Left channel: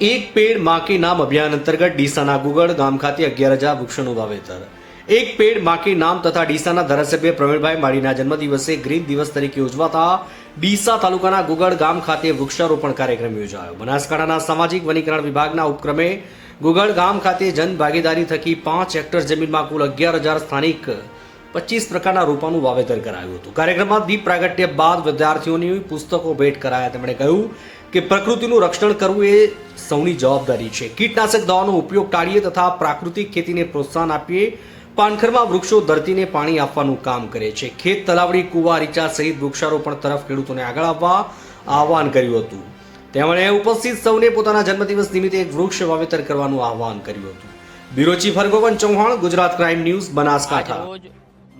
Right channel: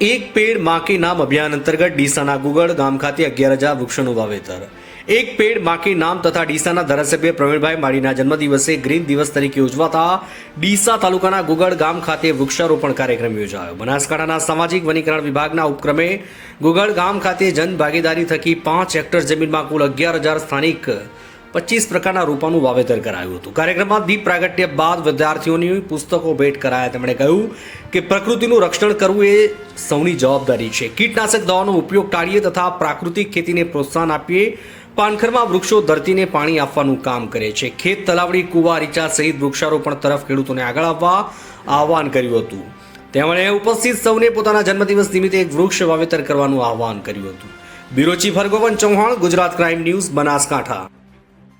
એક પેડ માકી નામ અભિયાન અંતર્ગત ડીસાના ગુગળ ગામ ખાતે અગિયાર હજાર વૃક્ષોનું વાવેતર. એક પેડ માકી નામ તથા ડીસાના ધારાસભ્ય પ્રવીણભાઈ માળીના જન્મદિવસે ગ્રીન દિવસ તરીકે ઉજવાતા ડીસા તાલુકાના ગુગળ ગામ ખાતે વૃક્ષારોપણ કાર્યક્રમ યોજાયો. બનાસકાંઠાના સામાજિક વનીકરણ વિભાગના ઉપક્રમે ગુગળ ગામ ખાતે જન ભાગીદારી થકી પાંચ હેક્ટર જમીનમાં કુલ અગિયાર હજાર સ્થાનિક પચીસ પ્રકારના રોપાનું વાવેતર કરાયું હતું. કાર્યક્રમમાં દીપ પ્રાગટ્ય બાદ વિદ્યાર્થીઓની પુસ્તકો ભેટ કરાયા. તેમણે કહ્યું કે પ્રકૃતિનું રક્ષણ કરવું એ સૌની જવાબદારી છે. કીટનાશક દવાનો ઉપયોગ ટાળીએ તથા પ્રાકૃતિક ખેતીને પ્રોત્સાહન આપીએ. પાનખરમાં વૃક્ષો ધરતીને પાણી આપવાનું કામ કરે છે. ખેત તલાવડી, કુવા, રીચા સહિત વૃક્ષારોપણ તરફ ખેડૂતોને આગળ આવવા આહવાન કર્યું હતું. તેમણે ઉપસ્થિત સૌને પોતાના જન્મદિવસ નિમિત્તે એક વૃક્ષ વાવેતર કરવાનું આહવાન કર્યું હતું. બિરોચી ફરગોવન ચૌહાણ, ગુજરાત ક્રાઇમ ન્યૂઝ, બનાસકાંઠા.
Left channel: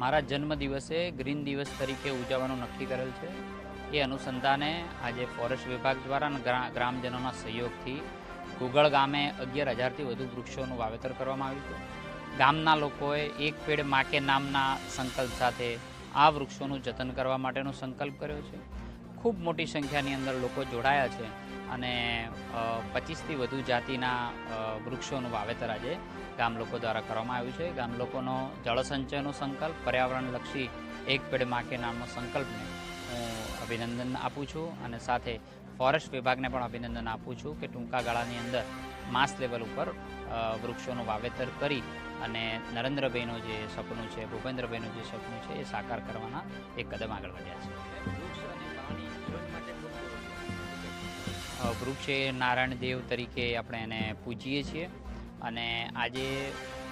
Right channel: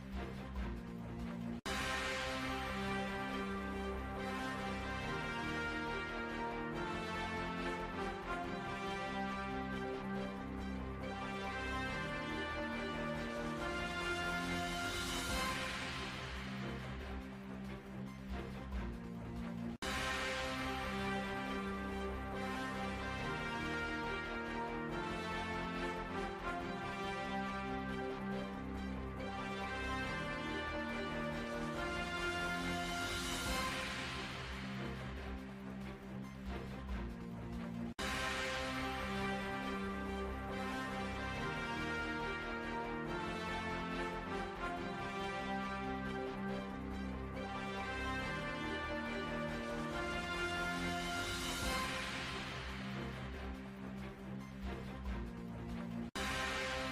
મારા જન્મ દિવસે ગ્રીન દિવસ તરીકે ઉજવવાનું નક્કી કરેલ છે. એ અનુસંધાને આજે ફોરેસ્ટ વિભાગ દ્વારા ગ્રામજનોના સહયોગથી ગુગળ ગામે અગિયાર હજારથી વધુ વૃક્ષોનું વાવેતર કરવામાં આવ્યું છે ગામના લોકોએ એક પેડ માકે નામના સંકલ્પ સાથે આ વૃક્ષોનું જતન કરવા માટેનો સંકલ્પ કર્યો છે. ખૂબ મોટી સંખ્યાની અંદર લોકો જોડાયા છે. અને પચીસથી વધુ જાતિના વૃક્ષોનું વાવેતર આજે ગામ લોકો દ્વારા કરવામાં આવ્યું છે. ગામ લોકોનો જળસંચયનો સંકલ્પ, પર્યાવરણલક્ષી એક પેડ માકે નામનો સંકલ્પ અભિનંદન આપું છું. અને સાથે ફોરેસ્ટ વિભાગને પણ અભિનંદન આપું છું કે ટૂંકા ગાળાની અંદર માસ લેવલ ઉપર વૃક્ષોનું વાવેતર કરી અને નરેન્દ્રભાઈનું જે સપનું છે, ભૂપેન્દ્રભાઈનું જે સપનું છે એ સાકાર કરવાના એક કદમ આગળ વધ્યા છે. એ નારાયણ દેવ તરીકે આપણે એને પૂજીએ છીએ. અને આજે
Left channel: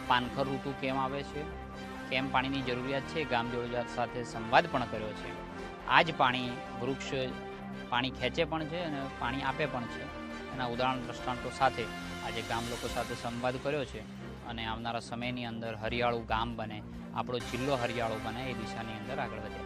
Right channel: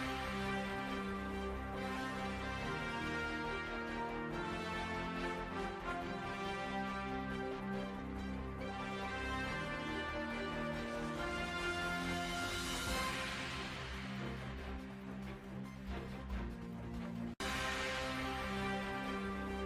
પાનખર ઋતુ કેમ આવે છે? કેમ પાણીની જરૂરિયાત છે? ગામ જરૂરિયાત સાથે સંવાદ પણ કર્યો છે. આ જ પાણી વૃક્ષ પાણી ખેંચે પણ છે અને પાણી આપે પણ છે. એના ઉદાહરણ દ્રષ્ટાંતો સાથે આજે ગામ લોકો સાથે સંવાદ કર્યો છે અને આવનારા સમયની અંદર હરિયાળું ગામ બને, આપણો જિલ્લો હરિયાળો બને એ દિશાની અંદર આગળ વધે. છે